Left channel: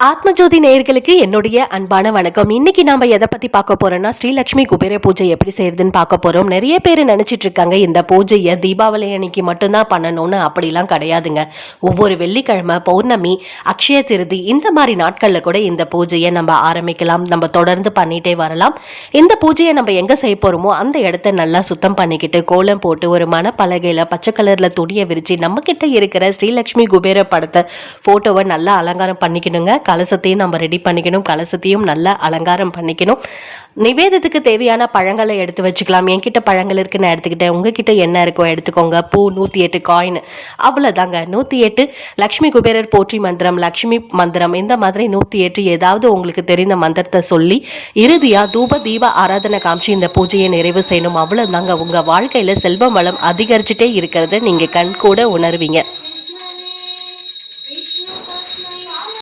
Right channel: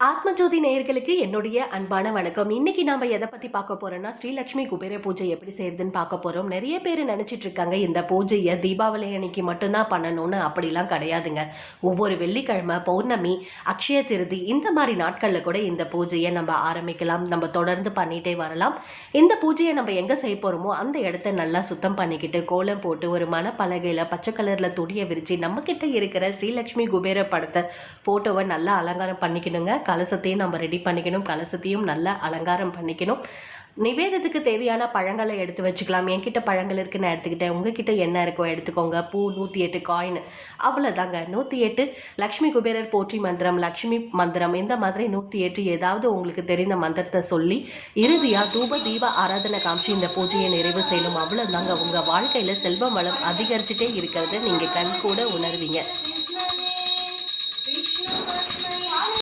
ஆத்மஜோதி நேயர்களுக்கு என்னுடைய அன்பான வணக்கம். இன்னைக்கு நாம எதை பத்தி பார்க்க போறோம்னா, ஸ்ரீலட்சுமி குபேர பூஜை எப்படி செய்யறதுன்னு பார்க்க போறோம். நிறைய பேர் நினைச்சிட்டு இருக்காங்க இந்த பூஜையை தீபாவளி அன்னைக்கு மட்டும்தான் பண்ணணும்னு. அப்படிலாம் கிடையாதுங்க. ஒவ்வொரு வெள்ளிக்கிழமை, பௌர்ணமி, அக்ஷய திருதி இந்த மாதிரி நாட்கள்ல கூட இந்த பூஜையை நம்ம ஆரம்பிக்கலாம். நம்ம தொடர்ந்து பண்ணிட்டே வரலாம். இந்த பூஜையை நம்ம எங்க செய்ய போறோமோ அந்த இடத்த நல்லா சுத்தம் பண்ணிக்கிட்டு, கோலம் போட்டு, ஒரு மணப்பலகையில பச்சை கலர்ல துணியை விரிச்சு நம்ம கிட்ட இருக்கிற ஸ்ரீலட்சுமி குபேர படத்தை போட்டோவை நல்லா அலங்காரம் பண்ணிக்கணுங்க. கலசத்தையும் நம்ம ரெடி பண்ணிக்கணும். கலசத்தையும் நல்லா அலங்காரம் பண்ணிக்கணும். நிவேதத்துக்கு தேவையான பழங்களை எடுத்து வச்சுக்கலாம். என்கிட்ட பழங்கள் இருக்கு, நான் எடுத்துக்கிட்டேன். உங்ககிட்ட என்ன இருக்கோ எடுத்துக்கோங்க. பூ 108 காயின், அவ்வளோதாங்க. 108 லக்ஷ்மி குபேரர் போற்றி மந்திரம், லக்ஷ்மி மந்திரம், இந்த மாதிரி 108 ஏதாவது உங்களுக்கு தெரிந்த மந்திரத்தை சொல்லி இறுதியா தூப தீப ஆராதனை காமிச்சு இந்த பூஜையை நிறைவு செய்யணும். அவ்வளோதாங்க. உங்க வாழ்க்கையில செல்வம் வளம் அதிகரிச்சுட்டே இருக்கிறத நீங்க கண் கூட உணர்வீங்க.